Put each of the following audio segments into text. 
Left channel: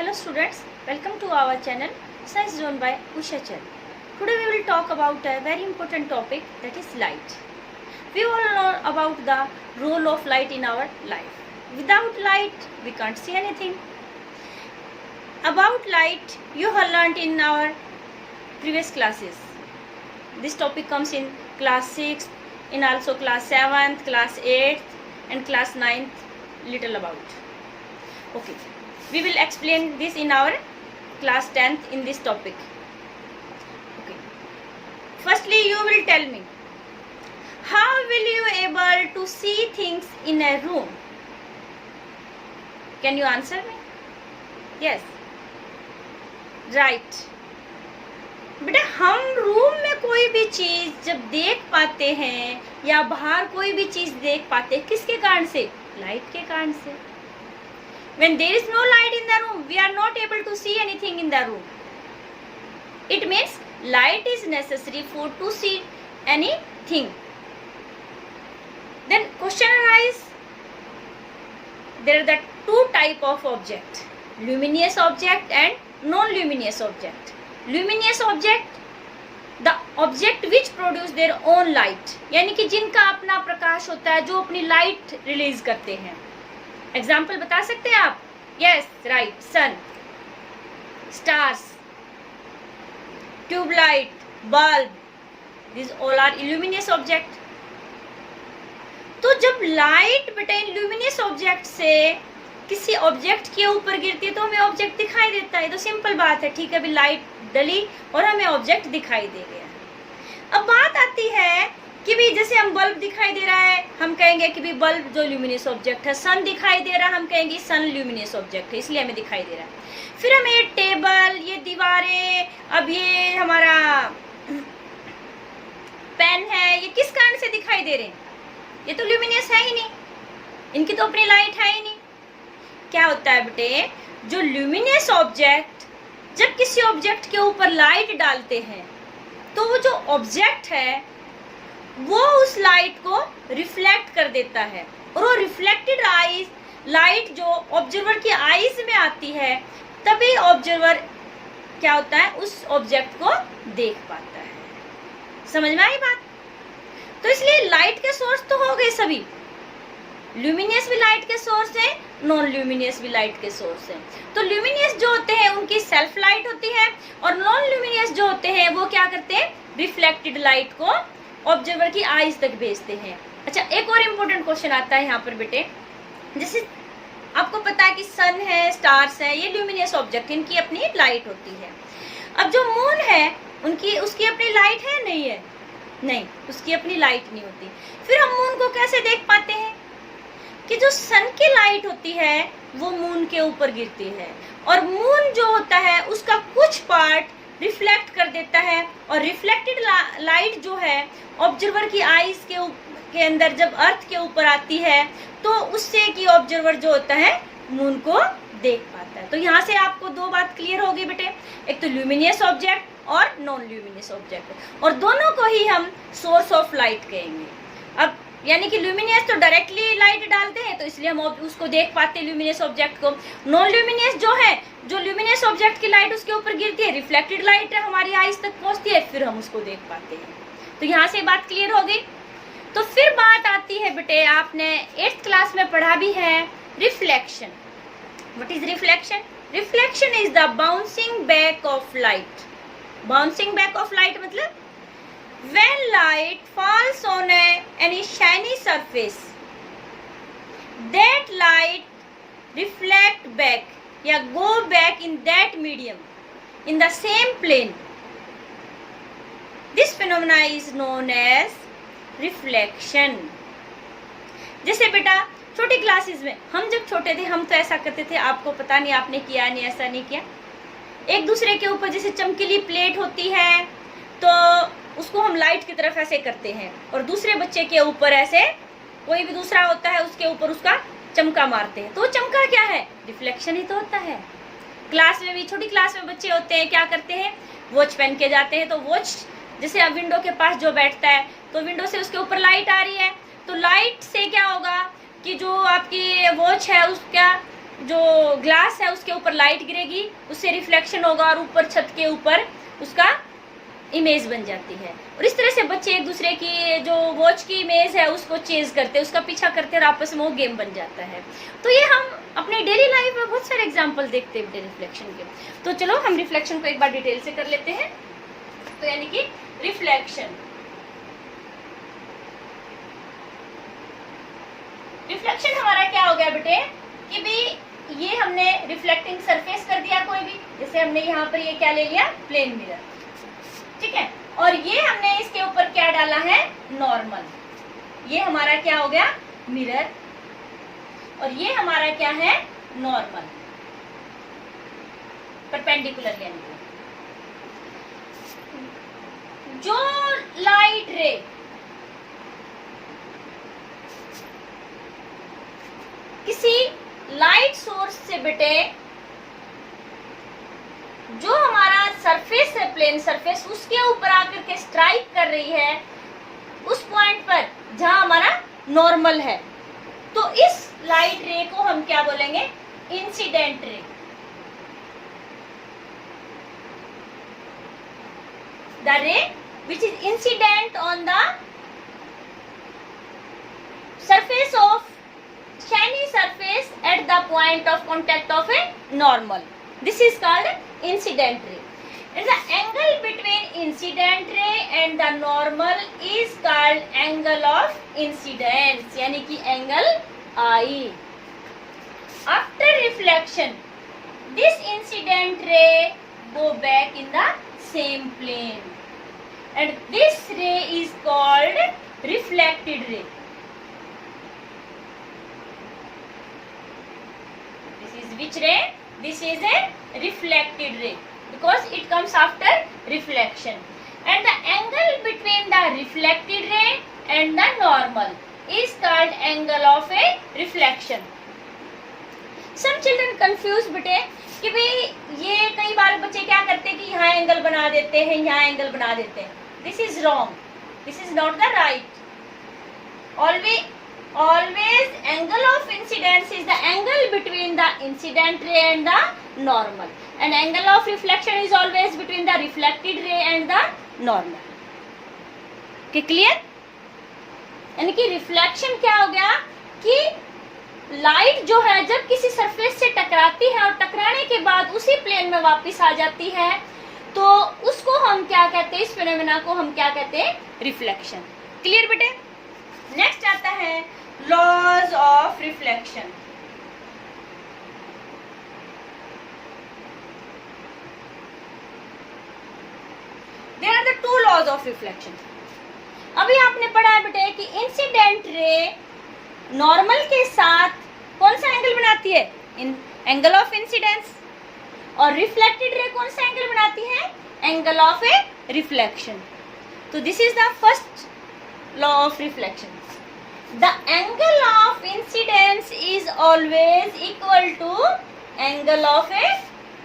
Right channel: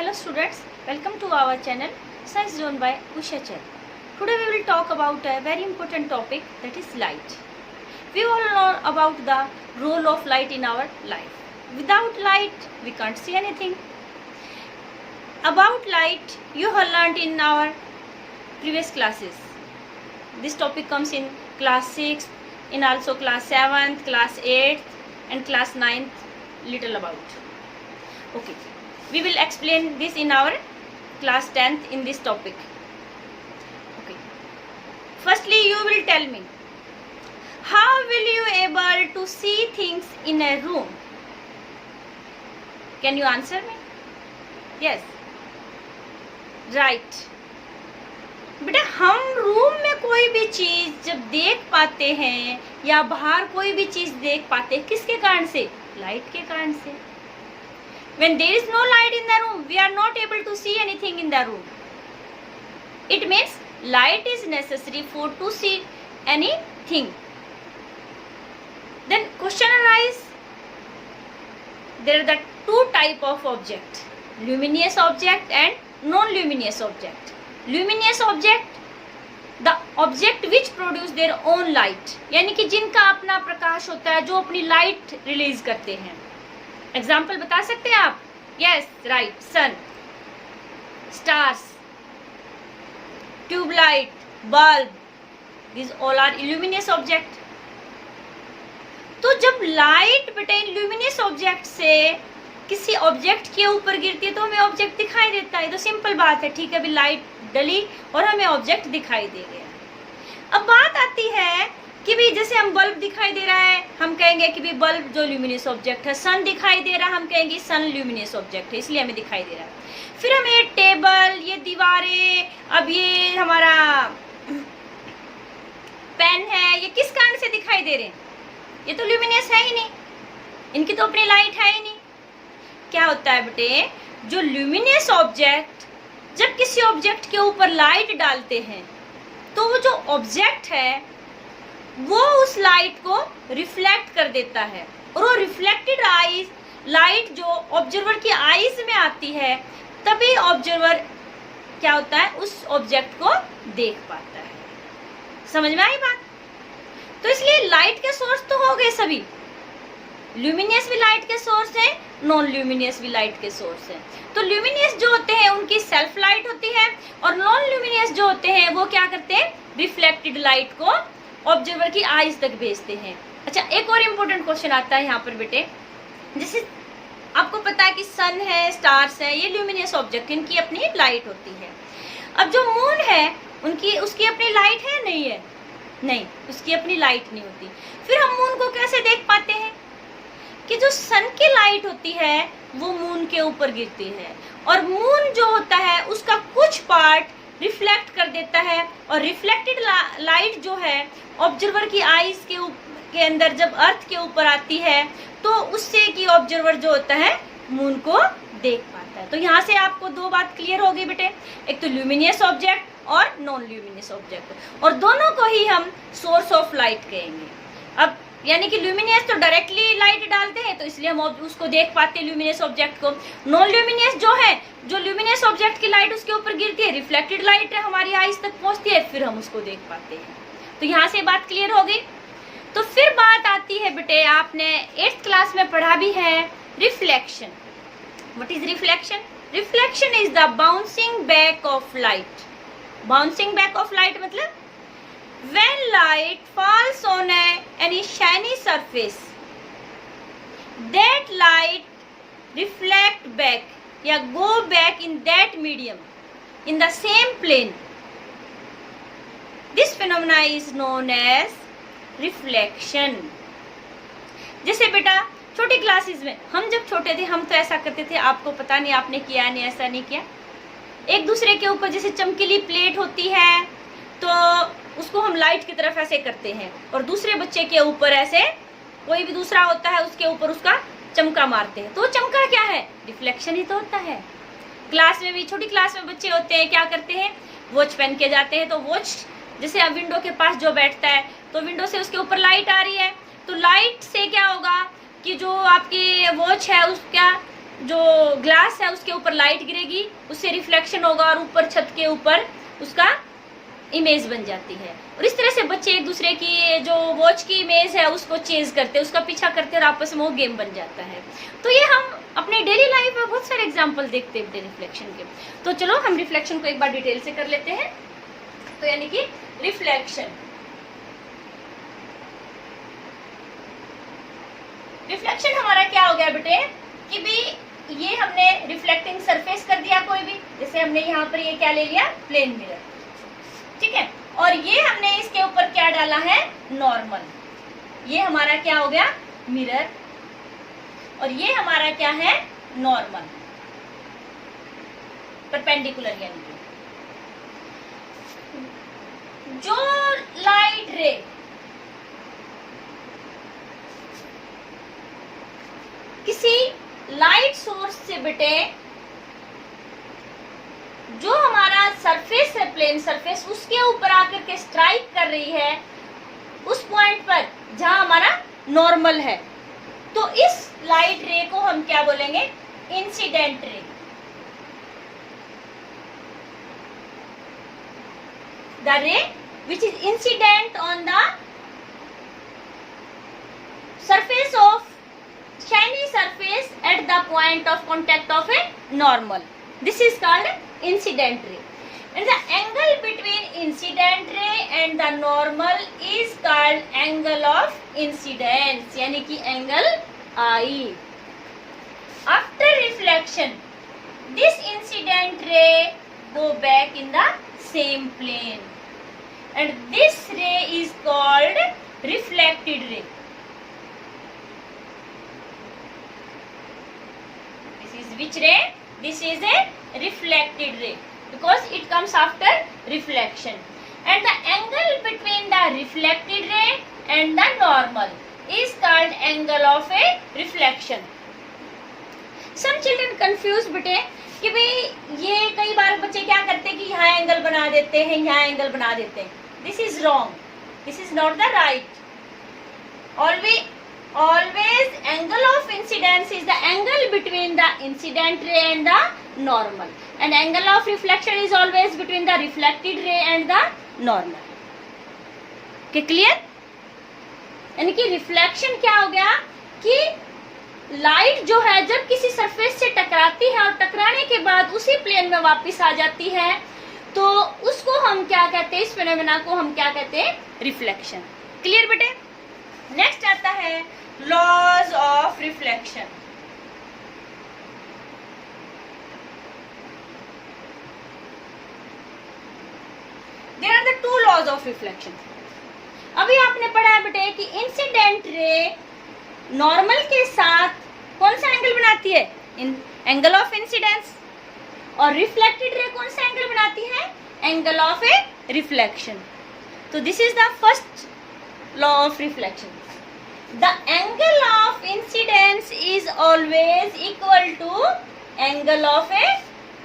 Hello students, welcome to our channel Science Zone by Usha Chen. Today we will talk about a very important topic, that is light. We all know about the role of light in our life. Without light we can't see anything. About light you have learnt in our previous classes. This topic comes in class 6, in also class 7th, class 8th and class 9th little about. Okay. We will explain this in our class 10th in this topic. Okay. Firstly, you will tell me, how will you able to see things in a room? Can you answer me? Yes. Right. बेटा हम room में कोई भी चीज जब देख पाते हैं या बाहर कोई भी चीज देख पाते हैं, किसके कारण से? लाइट के कारण से. When there is no light in the room, we are not able to see anything in the room. It means light is necessary for to see anything. Then question arises, there are the two type of objects, luminous object and non-luminous object. Luminous object, the object which produce their own light, यानी कि जिनका अपना प्रकाश होता है, जो अपनी light release करते हैं. एग्जाम्पल बता सकते हैं आप? Yes, right. Sun, stars, tubelight, bulb, this all are illuminous object. तो जब लाइट बेटा इल्यूमिनियस ऑब्जेक्ट से किसी ऑब्जेक्ट के ऊपर गिरती है तो हमें ऑब्जेक्ट दिखाई देता है. तो सिंपल बात है, ठीक है, अभी लाइट डली और हमें ऑब्जेक्ट दिखाई दे रहे हैं. अब बात आती है कि भी जैसे हम बल्ब दिखाई दे रहा है, हम कहेंगे कि भी बल्ब जो ल्यूमिनियस ऑब्जेक्ट है. सन दिखाई दे रहा है, हम कहेंगे सन ल्यूमिनियस ऑब्जेक्ट है, इसलिए हमें दिखाई दे रहा है. फिर हमें टेबल, ये दीवारें, अब ये हमारा पेन है, ये किस कारण से दिखाई दे रहे हैं? ये तो ल्यूमिनियस है ही नहीं, इनकी तो अपनी लाइट है ही नहीं. क्या होता है बेटे, जो ल्यूमिनियस ऑब्जेक्ट जब किसी ऑब्जेक्ट के ऊपर लाइट डालते हैं तो वो जो ऑब्जेक्ट है वो उस लाइट को रिफ्लेक्ट कर देता है, और वो रिफ्लेक्टेड आईज लाइट जो ऑब्जर्वर की आईज में आती है, तभी ऑब्जर्वर क्या होता है, उस ऑब्जेक्ट को देख पाता है. समझ में आई बात? तो इसलिए लाइट के सोर्स तो हो गए सभी. ल्यूमिनियस भी लाइट के सोर्स है, नॉन ल्यूमिनियस भी लाइट के सोर्स है. तो ल्यूमिनियस जो होते हैं उनकी सेल्फ लाइट होती है, और नॉन ल्यूमिनियस जो होते हैं वो क्या करते हैं, रिफ्लेक्टेड लाइट को ऑब्जर्वर की आईज तक भेजते हैं. अच्छा, एक और इम्पोर्टेंट क्वेश्चन आता है यहाँ पर बेटे. जैसे आपको पता है कि सन है, स्टार्स है, ये ल्यूमिनियस ऑब्जेक्ट, इनकी अपनी लाइट होती है. अब जो मून है उसकी अपनी लाइट है, नहीं है? नहीं, उसकी अपनी लाइट नहीं होती. फिर हम मून को कैसे देख पाते हैं? कि जो सन की लाइट होती है वो मून के ऊपर गिरती है, और मून जो होता है उसका कुछ पार्ट रिफ्लेक्ट कर देता है, और रिफ्लेक्टेड लाइट जो है ऑब्जर्वर की आईज के अंदर जब अर्थ के ऊपर आती है तो उससे कि ऑब्जर्वर जो होता है मून को देख पाता है. तो यहाँ से आपको दो बात क्लियर होगी बेटे, एक तो ल्यूमिनियस ऑब्जेक्ट और नॉन ल्यूमिनियस ऑब्जेक्ट, और दोनों को ही हम सोर्स ऑफ लाइट कहेंगे. अब यानी कि ल्यूमिनियस तो डायरेक्टली लाइट डालते हैं, तो इसलिए हम उसको देख पाते हैं ल्यूमिनियस ऑब्जेक्ट को. नॉन ल्यूमिनियस जो है, जो ल्यूमिनियस ऑब्जेक्ट की लाइट उसके ऊपर गिरती है, रिफ्लेक्टेड लाइट हमारी आईज तक पहुंचती है, फिर हम उसको देख पाते हैं. तो यहाँ से बात क्लियर हो गई. तो फिर बात आती है बेटे, आपने 8th क्लास में पढ़ा भी है, reflection. What is reflection? Reflection is the bouncing back of light. Bouncing back of light मतलब when light falls on any shiny surface, that light reflect back या go back in that medium in the same plane. This phenomena is known as reflection. जैसे बेटा छोटी classes में हम जब छोटे थे हम तो ऐसा करते थे, आपको पता नहीं आपने किया नहीं, ऐसा नहीं किया. एक दूसरे के ऊपर जैसे चमकीली प्लेट होती है तो उसको हम लाइट की तरफ ऐसे करते हैं, और दूसरे बच्चे के ऊपर ऐसे कोई भी दूसरा होता है उसके ऊपर उसका चमका मारते हैं. तो चमका क्या है? रिफ्लेक्शन ही तो होता है. क्लास में भी, छोटी क्लास में बच्चे होते हैं, क्या करते हैं, वॉच पहन के जाते हैं. तो वॉच जैसे अब विंडो के पास जो बैठता है तो विंडो से उसके ऊपर लाइट आ रही है, तो लाइट से क्या होगा कि जो आपकी वॉच है उसका जो ग्लास है उसके ऊपर लाइट गिरेगी, उससे रिफ्लेक्शन होगा और ऊपर छत के ऊपर उसका इमेज बन जाती है। और इस तरह से बच्चे एक दूसरे की जो वॉच की इमेज है उसको चेंज करते हैं, उसका पीछा करते हैं और आपस में वो गेम बन जाता है। तो ये हम अपने डेली लाइफ में बहुत सारे एग्जांपल देखते हैं रिफ्लेक्शन के। तो चलो हम रिफ्लेक्शन को एक बार डिटेल से कर लेते हैं। तो यानी कि रिफ्लेक्शन हमारा क्या हो गया बेटे कि भी ये हमने रिफ्लेक्टिंग सरफेस कर दिया कोई भी, जैसे हमने यहाँ पर ये क्या ले लिया, प्लेन मिरर, ठीक है। और ये हमने इसके ऊपर क्या डाला है, नॉर्मल। ये हमारा क्या हो गया, मिरर, और ये हमारा क्या है, नॉर्मल, परपेंडिकुलर। यानी जो लाइट रे किसी लाइट सोर्स से बेटे जो हमारा सरफेस है, प्लेन सरफेस, उसके ऊपर आकर के स्ट्राइक कर रही है उस पॉइंट पर जहां हमारा नॉर्मल है, तो इस लाइट रे को हम क्या बोलेंगे, इंसिडेंट रे। द रे which is incident on the surface of shiny surface at the point of contact of a normal. This is called incident ray. And the angle between incident ray and the normal is called angle of incidence, यानी कि angle I. After reflection, this incident ray go back in the same plane. And this ray is called reflected ray. This is which ray? This is a reflected ray because it comes after reflection. And the angle between the reflected ray and the normal is called angle of a reflection. Some children confuse बेटे कि भाई ये कई बार बच्चे क्या करते हैं कि यहाँ एंगल बना देते हैं, यहाँ एंगल बना देते हैं। This is wrong. This is not the right. Always angle of incidence is the angle between the incident ray and the normal. And angle of reflection is always between the reflected ray and the normal. Okay, clear? यानी कि reflection क्या हो गया कि light जो है जब किसी सरफेस से टकराती है और टकराने के बाद उसी प्लेन में वापस आ जाती है, तो उसको हम क्या कहते हैं, इस फिनोमेना को हम क्या कहते हैं, रिफ्लेक्शन। क्लियर बेटे? नेक्स्ट आता है laws of reflection. There are the two laws of reflection. अभी आपने पढ़ा बेटे कि इंसिडेंट रे नॉर्मल के साथ कौन सा एंगल बनाती है, एंगल ऑफ इंसिडेंस, और रिफ्लेक्टेड रे कौन सा एंगल बनाती है, एंगल ऑफ ए रिफ्लेक्शन। तो this is the first law of reflection. The angle of incidence is always equal to angle of a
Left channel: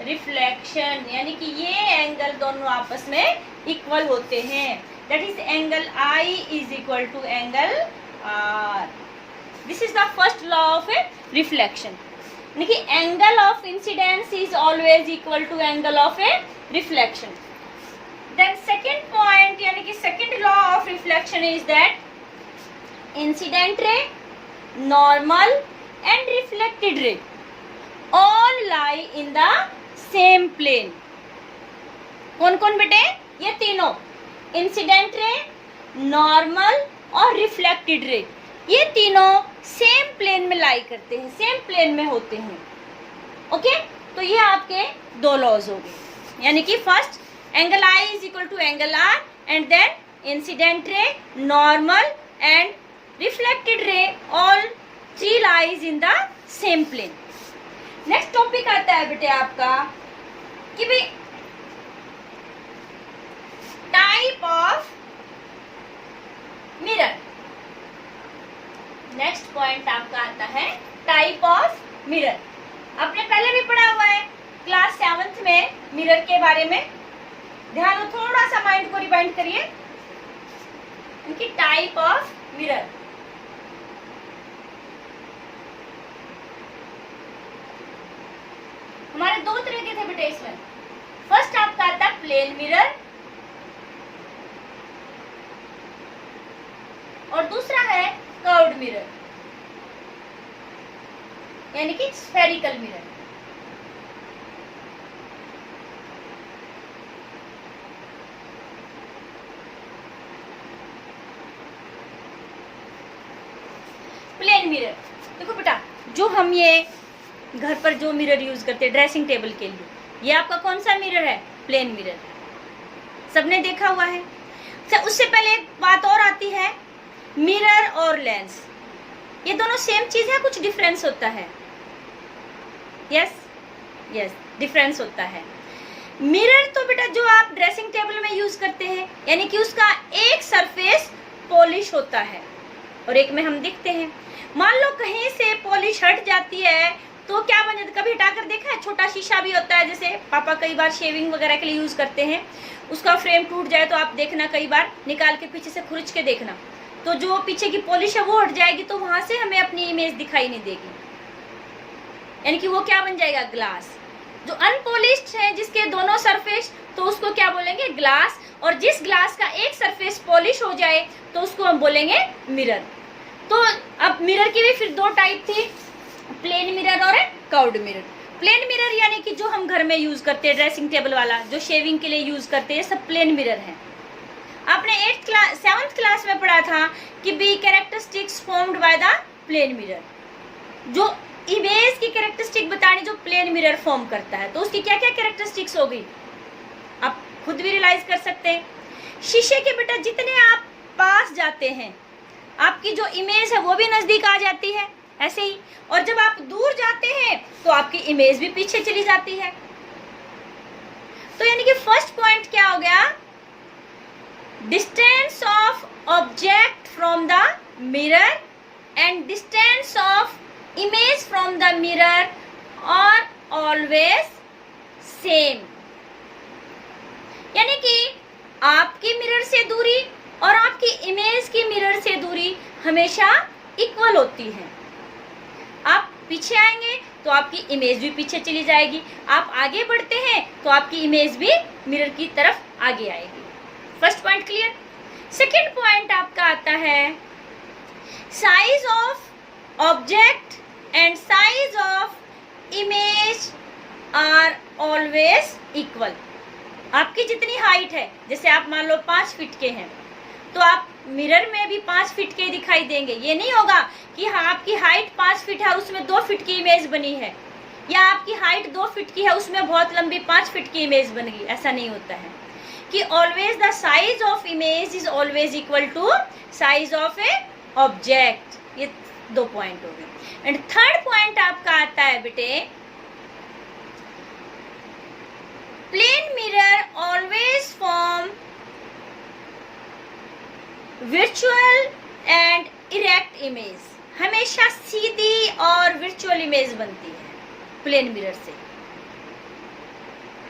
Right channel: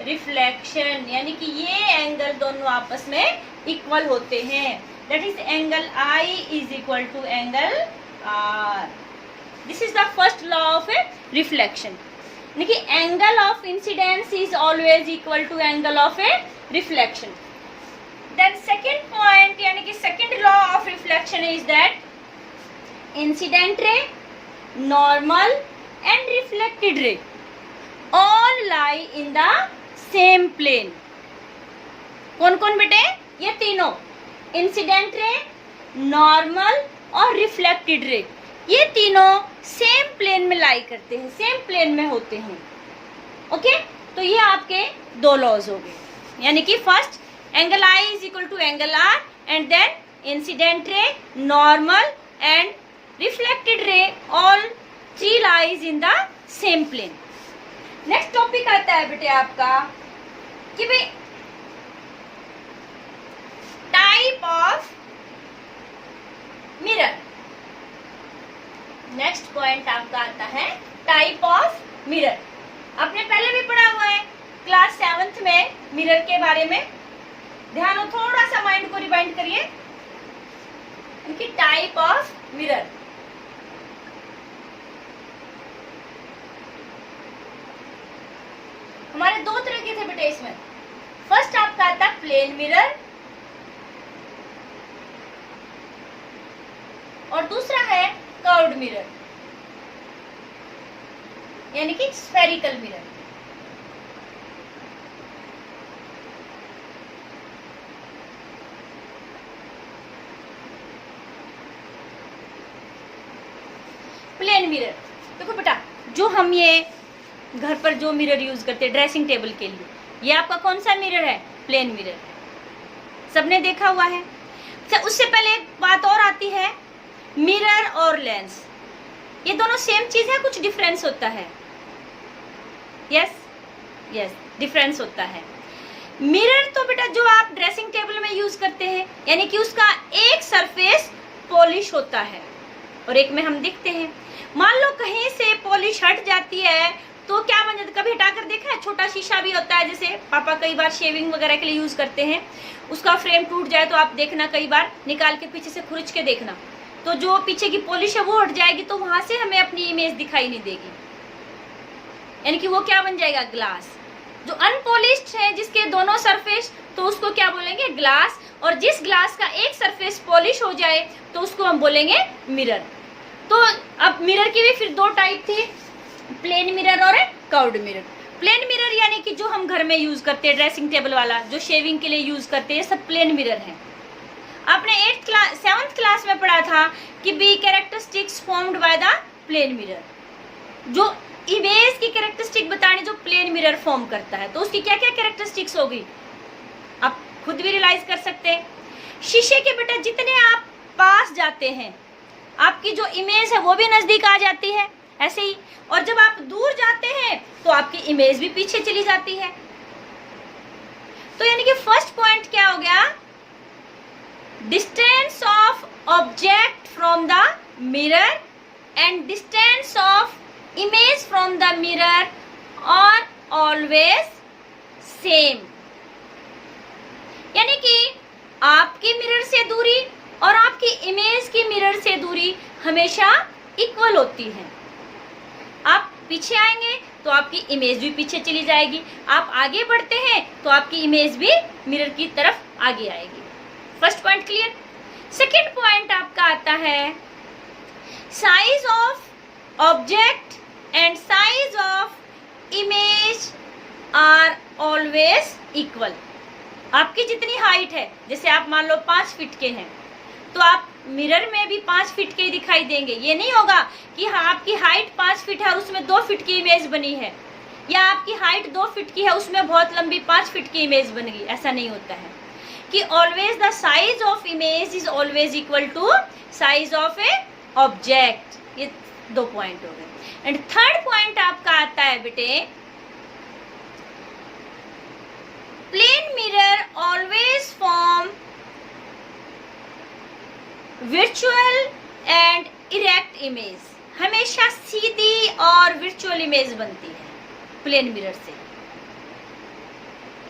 reflection, यानी कि ये एंगल दोनों आपस में इक्वल होते हैं। That is angle i is equal to angle r. This is the first law of a reflection, यानी कि angle of incidence is always equal to angle of a reflection. Then second point, यानी कि second law of reflection is that incident ray, normal and reflected ray all lie in the same plane. कौन कौन बेटे, ये तीनों, incident ray, normal और reflected रे, ये तीनों सेम प्लेन में लाई करते हैं, सेम प्लेन में होते हैं। ओके, तो ये आपके दो लॉज हो गए, यानी कि first angle i is equal to angle r, and then incident ray, normal and reflected ray all three lies in the same plane. Next topic आता है बेटे आपका कि भाई type of mirror. Next point आपका आता है टाइप ऑफ मिरर। आपने पहले भी पढ़ा हुआ है क्लास 7th में मिरर के बारे में। ध्यान हो, थोड़ा सा माइंड को रिवाइंड करिए। उनकी टाइप ऑफ मिरर, हमारे दो तरह के थे बेटे इसमें। फर्स्ट आपका आता प्लेन मिरर और दूसरा है कर्व्ड मिरर, यानी कि स्फेरिकल मिरर। प्लेन मिरर, देखो बेटा, जो हम ये घर पर जो मिरर यूज करते हैं ड्रेसिंग टेबल के लिए, ये आपका कौन सा मिरर है? Plane mirror. सबने देखा हुआ है। उससे पहले एक बात और आती है, मिरर और लेंस, ये दोनों सेम चीज है, कुछ डिफरेंस होता है? यस, डिफरेंस होता है। मिरर तो बेटा जो आप ड्रेसिंग टेबल में यूज करते हैं, यानी कि उसका एक सरफेस पॉलिश होता है और एक में हम दिखते हैं। मान लो कहीं से पॉलिश हट जाती है तो क्या बन जाता है? कभी हटाकर देखा है? छोटा शीशा भी होता है, जैसे पापा कई बार शेविंग वगैरह के लिए यूज करते हैं, उसका फ्रेम टूट जाए तो आप देखना, कई बार निकाल के पीछे से खुरच के देखना, तो जो पीछे की पॉलिश है वो हट जाएगी, तो वहां से हमें अपनी इमेज दिखाई नहीं देगी, यानी कि वो क्या बन जाएगा? ग्लास। जो अनपॉलिश्ड है, जिसके दोनों सरफेस, तो उसको क्या बोलेंगे? ग्लास। और जिस ग्लास का एक सरफेस पॉलिश हो जाए तो उसको हम बोलेंगे मिरर। तो अब मिरर की भी फिर दो टाइप थी, प्लेन मिरर और कर्व्ड मिरर। प्लेन मिरर यानी कि जो हम घर में यूज करते हैं, ड्रेसिंग टेबल वाला, जो शेविंग के लिए यूज करते हैं, सब प्लेन मिरर है। आपने 7th क्लास में पढ़ा था कि बी characteristics formed by the plane mirror, जो इमेज की कैरेक्टरिस्टिक बताने जो प्लेन मिरर फॉर्म करता है, तो उसकी क्या क्या कैरेक्टरिस्टिक्स होगी आप खुद भी रियलाइज कर सकते हैं। शीशे के बेटा जितने आप पास जाते हैं, आपकी जो इमेज है वो भी नजदीक आ जाती है, ऐसे ही। और जब आप दूर जाते हैं तो आपकी इमेज भी पीछे चली जाती है। तो यानी कि फर्स्ट पॉइंट क्या हो गया? Distance of object from the mirror and distance of image from the mirror are always same, यानी कि आपकी मिरर से दूरी और आपकी इमेज की मिरर से दूरी हमेशा इक्वल होती है। आप पीछे आएंगे तो आपकी इमेज भी पीछे चली जाएगी, आप आगे बढ़ते हैं तो आपकी इमेज भी मिरर की तरफ आगे आएगी। First point clear. Second point आपका आता है size of object and size of image are always equal. आपकी जितनी हाइट है, जैसे आप मान लो 5 फीट के हैं, तो आप मिरर में भी 5 फीट के दिखाई देंगे। ये नहीं होगा कि हाँ आपकी हाइट 5 फीट है और उसमें 2 फीट की इमेज बनी है, या आपकी हाइट 2 फीट की है उसमें बहुत लंबी 5 फीट की इमेज बन गई। ऐसा नहीं होता है कि always the size of image is always equal to size of a object. ये 2 पॉइंट हो गए। एंड थर्ड पॉइंट आपका आता है बेटे, plane mirror always form virtual and erect image. हमेशा सीधी और वर्चुअल इमेज बनती है प्लेन मिरर से।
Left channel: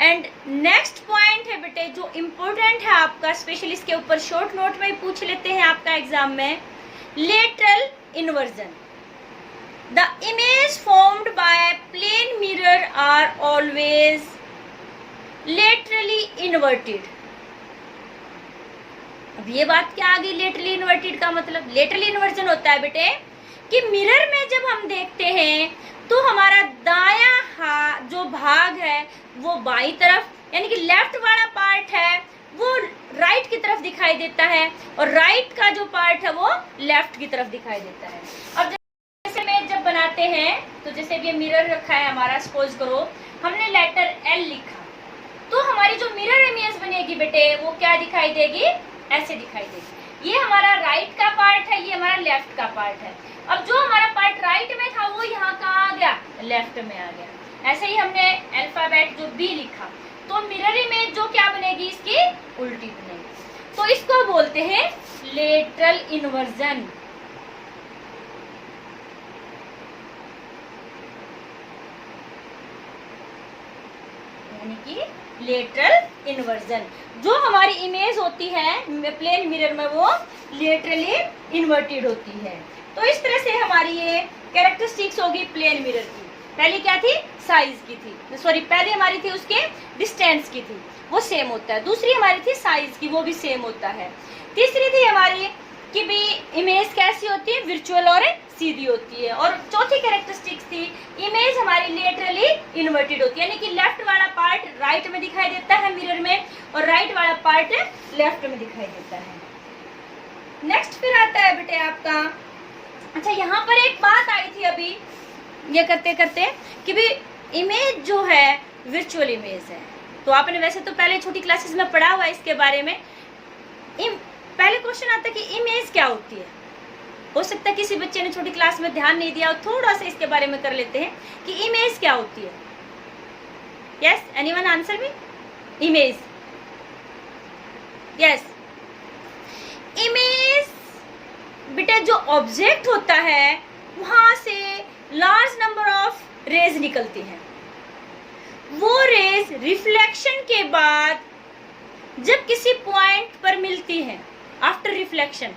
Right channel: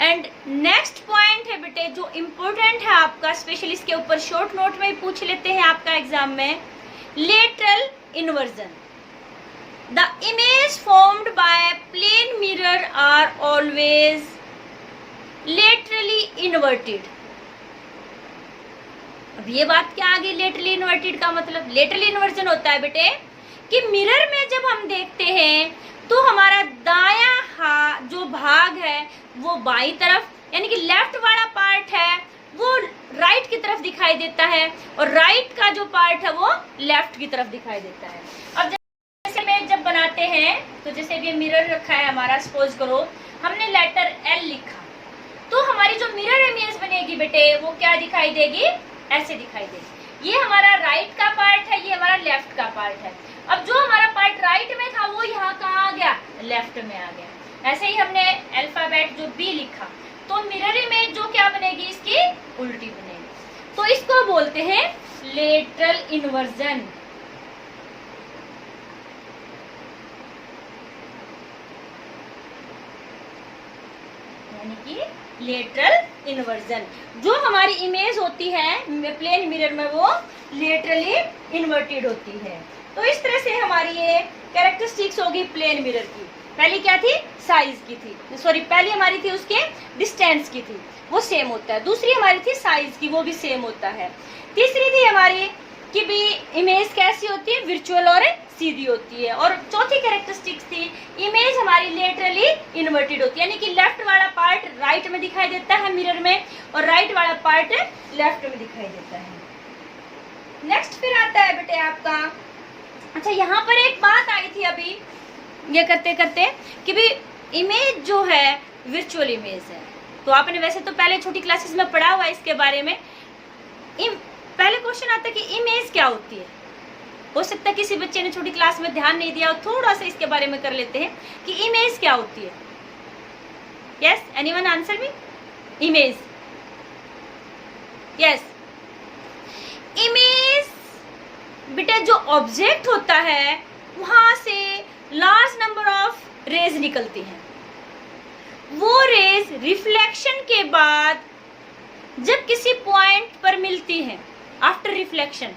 एंड नेक्स्ट पॉइंट है बेटे जो इम्पोर्टेंट है आपका, स्पेशली इसके ऊपर शॉर्ट नोट में ही पूछ लेते हैं आपका एग्जाम में, lateral inversion. The image formed by plane mirror are always laterally inverted. अब ये बात क्या आ गई लेटरली इन्वर्टेड का मतलब? लेटरली इन्वर्जन होता है बेटे कि मिरर में जब हम देखते हैं तो हमारा दायां जो भाग है वो बाई तरफ, यानी कि लेफ्ट वाला पार्ट है वो राइट की तरफ दिखाई देता है, और राइट का जो पार्ट है वो लेफ्ट की तरफ दिखाई देता है। अब जैसे में जब बनाते हैं, तो जैसे भी मिरर रखा है हमारा, सपोज करो हमने लेटर L लिखा, तो हमारी जो मिरर इमेज बनेगी बेटे वो क्या दिखाई देगी? ऐसे दिखाई देगी। ये हमारा राइट का पार्ट है, ये हमारा लेफ्ट का पार्ट है। अब जो हमारा पार्ट राइट में था वो यहाँ कहाँ आ गया? लेफ्ट में आ गया। ऐसे ही हमने अल्फाबेट जो B लिखा, तो मिरर इमेज जो क्या बनेगी? इसकी उल्टी बनेगी। तो इसको बोलते हैं लेटरल इन्वर्जन। यानी कि लेटरल इन्वर्जन, जो हमारी इमेज होती है प्लेन मिरर में वो लेटरली इन्वर्टेड होती है। तो इस तरह से हमारी ये कैरेक्टरिस्टिक्स होगी प्लेन मिरर की। पहली क्या थी, साइज की थी, सॉरी पहली हमारी थी उसके डिस्टेंस की थी, वो सेम होता है। दूसरी हमारी थी साइज की, वो भी सेम होता है। तीसरी थी हमारी कि भी इमेज कैसी होती है, वर्चुअल और सीधी होती है। और चौथी कैरेक्टरिस्टिक्स थी इमेज हमारी लेटरली इन्वर्टेड होती है, यानी कि लेफ्ट वाला पार्ट राइट में दिखाई देता है मिरर में और राइट वाला पार्ट लेफ्ट में दिखाई देता है। नेक्स्ट फिर आता है बेटे आपका, अच्छा यहाँ पर एक बात आई थी अभी ये करते करते कि भी इमेज जो है वर्चुअल इमेज है। तो आपने वैसे तो पहले छोटी क्लासेस में पढ़ा हुआ इसके बारे में। पहले क्वेश्चन आता है कि इमेज क्या होती है। हो सकता है किसी बच्चे ने छोटी क्लास में ध्यान नहीं दिया और थोड़ा सा इसके बारे में कर लेते हैं कि इमेज क्या होती है। Yes, anyone answer me? Image, yes, image बेटा जो ऑब्जेक्ट होता है वहां से लार्ज नंबर ऑफ रेज निकलती हैं। वो रेज रिफ्लेक्शन के बाद जब किसी पॉइंट पर मिलती है आफ्टर रिफ्लेक्शन,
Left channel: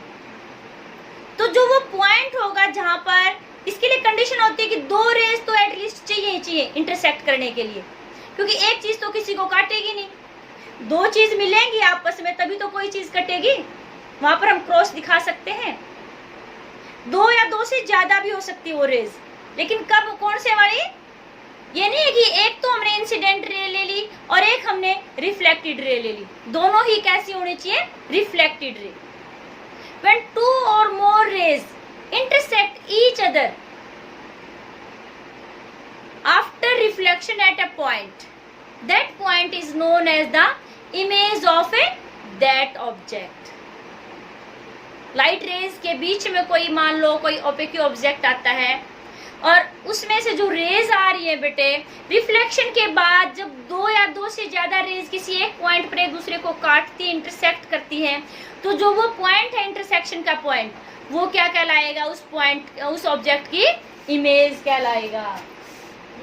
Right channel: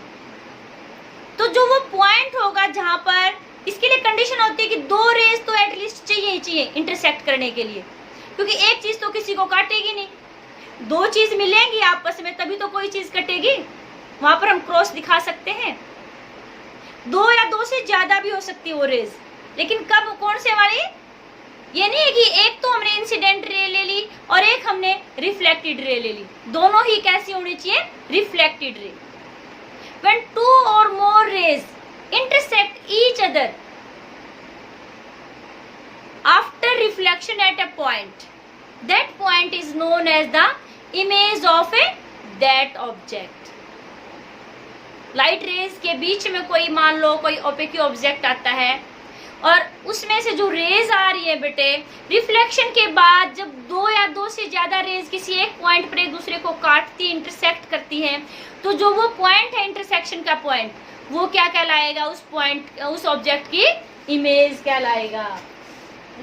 तो जो वो पॉइंट होगा जहां पर, इसके लिए कंडीशन होती है कि दो रेज तो एटलीस्ट चाहिए ही चाहिए इंटरसेक्ट करने के लिए, क्योंकि एक चीज तो किसी को काटेगी नहीं, दो चीज मिलेंगी आपस में तभी तो कोई चीज कटेगी। वहां पर हम क्रॉस दिखा सकते हैं, दो या दो से ज्यादा भी हो सकती है वो रेज, लेकिन कब, कौन से हमारी, ये नहीं है कि एक तो हमने इंसिडेंट रे ले ली और एक हमने रिफ्लेक्टेड रे ले ली, दोनों ही कैसी होनी चाहिए, reflected ray. When two or more rays intersect each other after reflection at a point, that point is known as the image of that object. Light rays के बीच में कोई मान लो कोई ओपेक ऑब्जेक्ट आता है और उसमें से जो रेज आ रही है बेटे, रिफ्लेक्शन के बाद जब दो या दो से ज्यादा रेज किसी एक पॉइंट पर एक दूसरे को काटती, इंटरसेक्ट करती हैं, तो जो वो पॉइंट है इंटरसेक्शन का पॉइंट, वो क्या कहलाएगा, उस पॉइंट, उस ऑब्जेक्ट की इमेज कहलाएगा।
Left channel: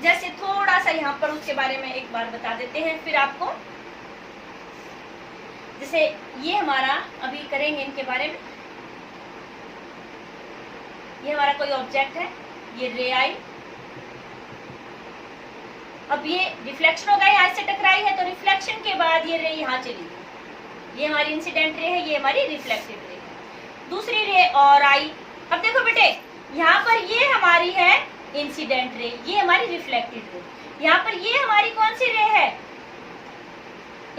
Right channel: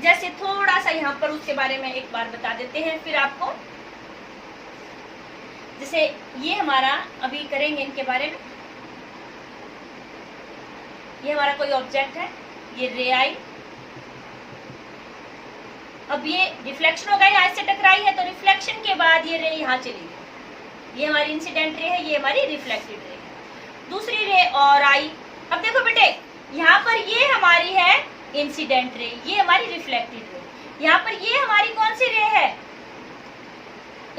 जैसे थोड़ा सा यहाँ पर उसके बारे में एक बार बता देते हैं फिर आपको। जैसे ये हमारा अभी करेंगे इनके बारे में, ये हमारा कोई ऑब्जेक्ट है, ये रे आई, अब ये रिफ्लेक्शन होगा, यहाँ से टकराई है तो रिफ्लेक्शन के बाद ये रे यहाँ चली गई, ये हमारी इंसिडेंट रे है, ये हमारी रिफ्लेक्टेड रे है। दूसरी रे और आई, अब देखो बेटे यहाँ पर ये हमारी है इंसिडेंट रे, ये हमारी रिफ्लेक्टेड रे, यहाँ पर ये हमारी कौन सी रे है,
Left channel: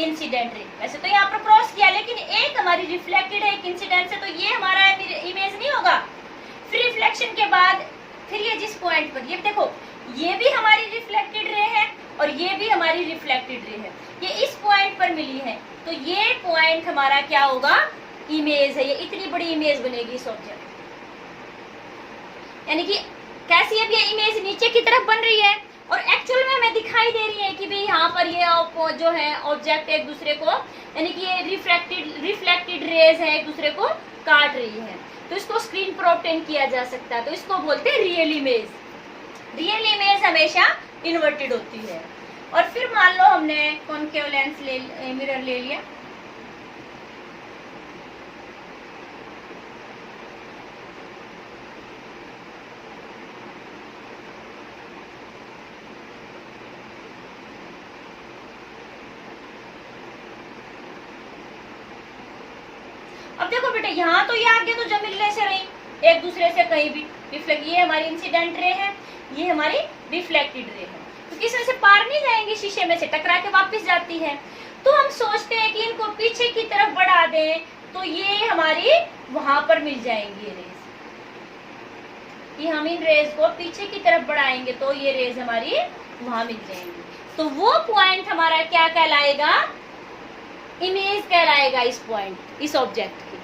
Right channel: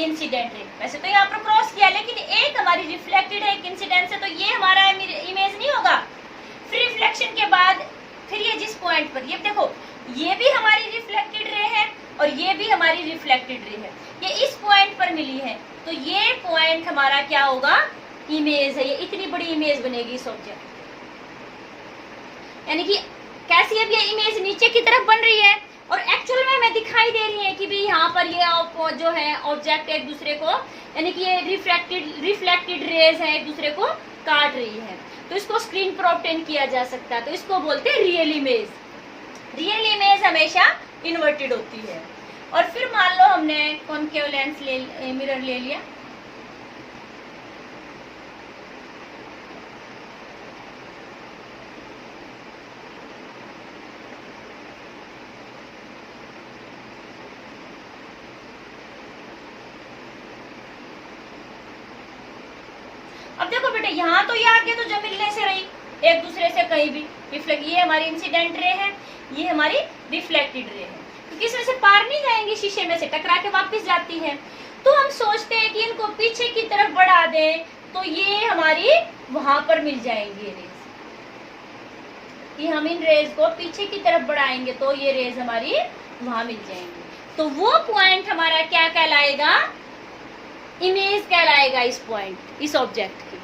इंसिडेंट रे। वैसे तो यहाँ पर क्रॉस किया, लेकिन एक हमारी रिफ्लेक्टेड है, एक इंसिडेंट से, तो ये हमारा इमेज नहीं होगा। फिर रिफ्लेक्शन के बाद फिर ये जिस पॉइंट पर, ये देखो ये भी हमारी रिफ्लेक्टेड रे है और ये भी हमारी रिफ्लेक्टेड रे है, ये इस पॉइंट पर मिली है, तो ये पॉइंट हमारा क्या होगा, इमेज है। ये इतनी बड़ी इमेज बनेगी इस ऑब्जेक्ट, यानी कि कैसी अब ये इमेज नीचे की तरफ बन रही है और एक्चुअल में हमें दिखाई दे रही है कि भी यहाँ पर ये जो है ऑब्जेक्ट एक दूसरे को, यानी कि ये रिफ्लेक्टेड रेज है, एक दूसरे को काट रही है, तो इसको स्क्रीन पर ऑब्टेन किया जा सकता है, तो इसको बोलते हैं रियल इमेज। रियल इमेज हमेशा इन्वर्टेड होती है। और फिर मान लो हमने कॉनकेव लेंस मिरर ले लिया, अब देखो बेटे यहाँ तो ये आगे तो जब मिलने से रही एक दूसरे से कहीं भी, ये हमारी इंसिडेंट रे है, ये हमारी रिफ्लेक्टेड रे है, क्योंकि इसमें से पार नहीं जाएंगी, शीशे में से टकरा के वापस जाती है। तो हम सोचते हैं कि इनको पीछे की तरफ बढ़ा दें तो ये हमारी वहां पर मिल जाएंगी रेज, कि हम इन रेज को पीछे की तरफ बढ़ाएंगे तो ये रेज हमारी वहां मिल जाएंगी, तो वो पॉइंट हमारा क्या कहलाएगा, इमेज कहलाएगा इस पॉइंट, इस ऑब्जेक्ट की।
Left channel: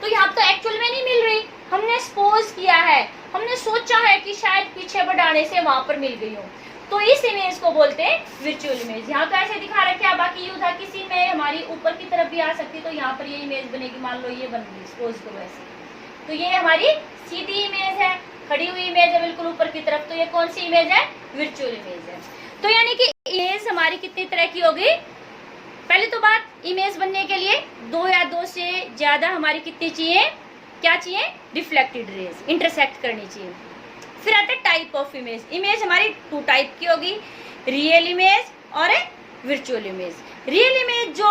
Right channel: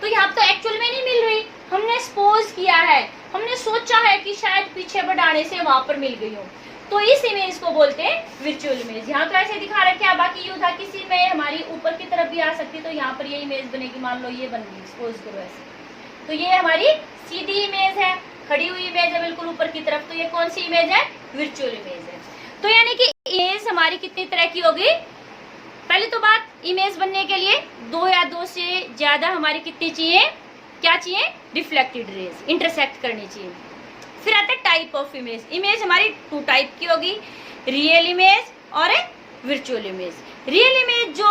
तो यहाँ तो एक्चुअल में नहीं मिल रही, हमने सपोज किया है, हमने सोचा है कि शायद पीछे बढ़ाने से वहां पर मिल गई हो, तो इस इमेज को बोलते हैं वर्चुअल इमेज। यहाँ तो ऐसे दिखा रखा है, बाकी ये उधर किसी में हमारी ऊपर की तरफ भी आ सकती है, तो यहाँ पर ये इमेज बनेगी, मान लो ये बन गई, सपोज करो ऐसे, तो ये हमारी सीधी इमेज है, खड़ी हुई इमेज है बिल्कुल ऊपर की तरफ, तो ये कौन सी इमेज है, वर्चुअल इमेज है। तो यानी कि इमेज हमारी कितनी तरह की होगी, पहले तो बात, इमेज बनने के लिए दो या दो से ज्यादा हमारी कितनी चाहिए, क्या चाहिए, रिफ्लेक्टेड रेज इंटरसेक्ट करनी चाहिए। फिर आता है टाइप ऑफ इमेज। इमेज हमारी 2 टाइप की होगी, रियल इमेज और वर्चुअल इमेज। रियल इमेज जो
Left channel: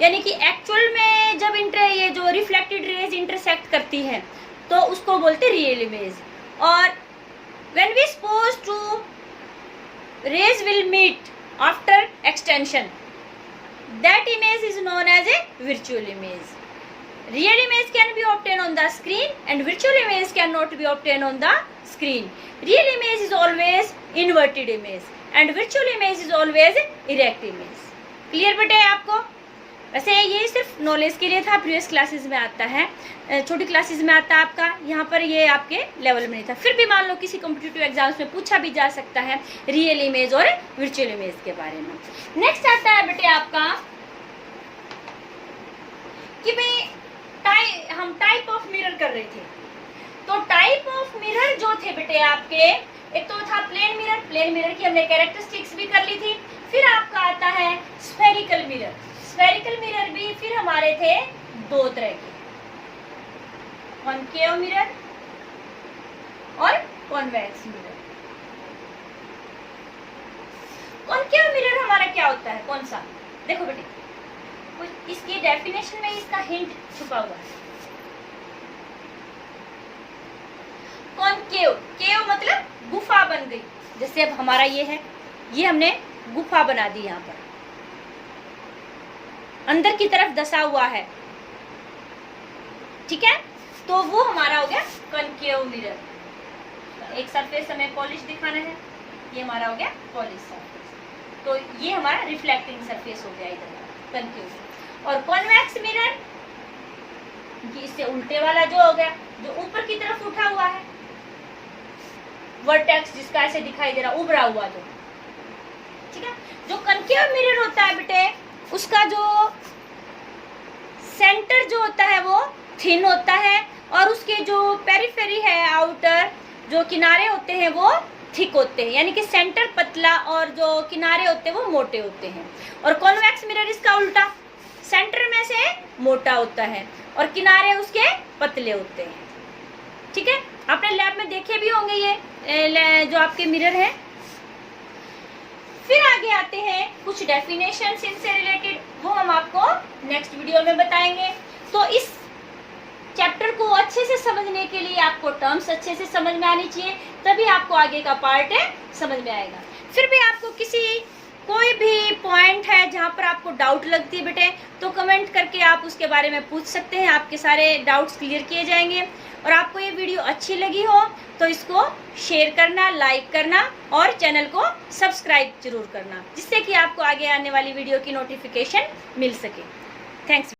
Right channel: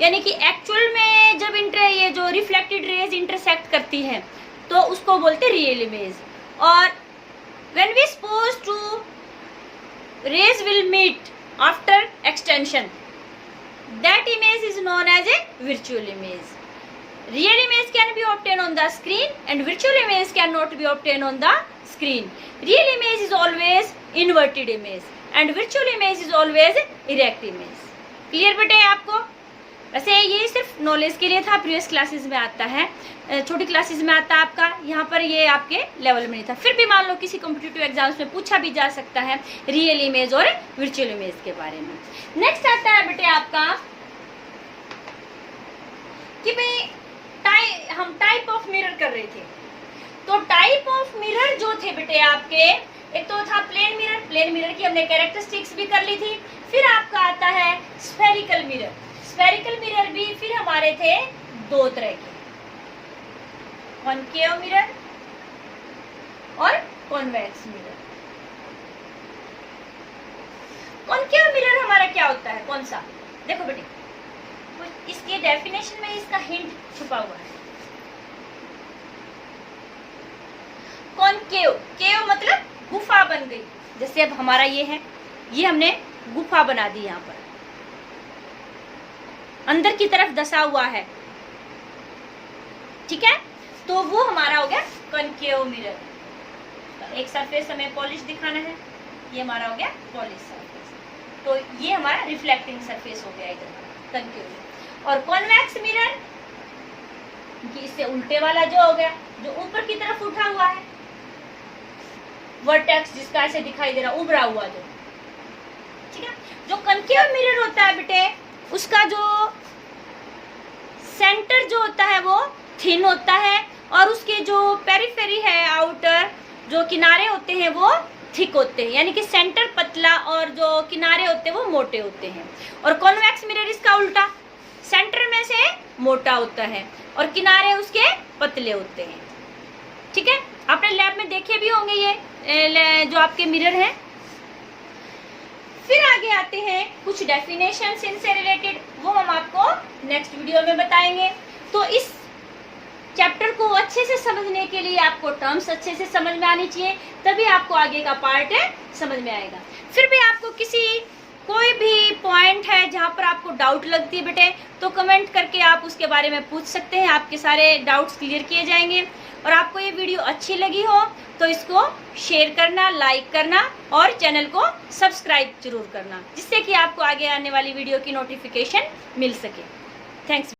यानी कि एक्चुअल में जब ये जो रिफ्लेक्टेड रेज इंटरसेक्ट करती है तो उसको बोलते हैं रियल इमेज। और when we suppose two rays will meet after extension, that image is known as a virtual image. Real image can be obtained on the screen and virtual image cannot be obtained on the screen. Real image is always inverted image and virtual image is always erect image. Clear बेटे आपको? वैसे ये सिर्फ knowledge के लिए था, previous classes में आता है, छोटी क्लासेस में आता है आपका, यहाँ पर ये आपके लेवल में नहीं था। फिर भी मान लो किसी कॉम्पिटिटिव एग्जाम्स में पूछा भी जा सकता है रियल इमेज और वर्चुअल इमेज के बारे में। नेक्स्ट आता है बेटे आपका कि भाई हम टाइप ऑफ मिरर कर रहे थे, तो टाइप ऑफ मिरर जो थे बेटे आपके, एक तो था प्लेन मिरर, प्लेन मिरर की हमने कैरेक्टरिस्टिक्स भी कर ली थी। फिर आपका आता है स्फेरिकल मिरर। स्फेरिकल मिरर भी फिर हमारे थे 2 तरह के, कॉनकेव मिरर और कॉन्वेक्स मिरर। कॉनकेव मिरर हमारा क्या होता है, कौन सा? देखो बेटे, इसके डेफिनेशन में इसका हिंट छुपा हुआ है। कॉनकेव, केव मतलब गुफा बन गई, जैसे अब हमारा ये है, ये हमने गुफा बना दी, यहाँ पर अंदर की तरफ दसा हुआ है, ठीक है, तो वो हमारा हो गया कॉनकेव मिरर। एक सरफेस हमें पॉलिश दिखाना है, ये हमारा हो गया पॉलिश सरफेस, तो ये हमारा रिफ्लेक्टिंग सरफेस हो गया इधर कॉनकेव। और कॉन्वेक्स मिरर इससे उल्टे वाला जो हो गया, जो ऊपर की तरफ उठा हुआ है, वर्टेक्स जिसका ऐसे दिखाई दे रहा उभरा हुआ, जो ठीक है। जो कॉनकेव मिरर होता है बेटे, उसका जो सेंटर जो होता है वो थिन होता है और उसके जो पेरिफेरी है, आउटर जो किनारे होते हैं वो थिक होते हैं, यानी कि सेंटर पतला और जो किनारे होते हैं वो मोटे होते हैं। और कॉन्वेक्स मिरर इसका उल्टा, सेंटर में से मोटा होता है और किनारे उसके पतले होते हैं, ठीक है। आपने लैब में देखे भी होंगे ये जो आपके मिरर हैं। फिर आगे आते हैं कुछ डेफिनेशंस इनसे रिलेटेड, वो हम आपको नेक्स्ट वीडियो में बताएंगे। तो इस चैप्टर को अच्छे से समझने के लिए आपको टर्म्स अच्छे से समझ में आनी चाहिए, तभी आपको आगे का पार्ट समझ में आएगा। फिर भी आपको कोई भी पॉइंट है जहाँ पर आपको डाउट लगती है बेटे, तो कमेंट करके आप उसके बारे में पूछ सकते हैं, आपके सारे डाउट्स क्लियर किए जाएंगे। और आपको ये वीडियो अच्छी लगी हो तो इसको शेयर करना, लाइक करना और चैनल को सब्सक्राइब जरूर करना, जिससे कि आपको आगे आने वाली वीडियो की नोटिफिकेशन मिल सके। थैंक्स।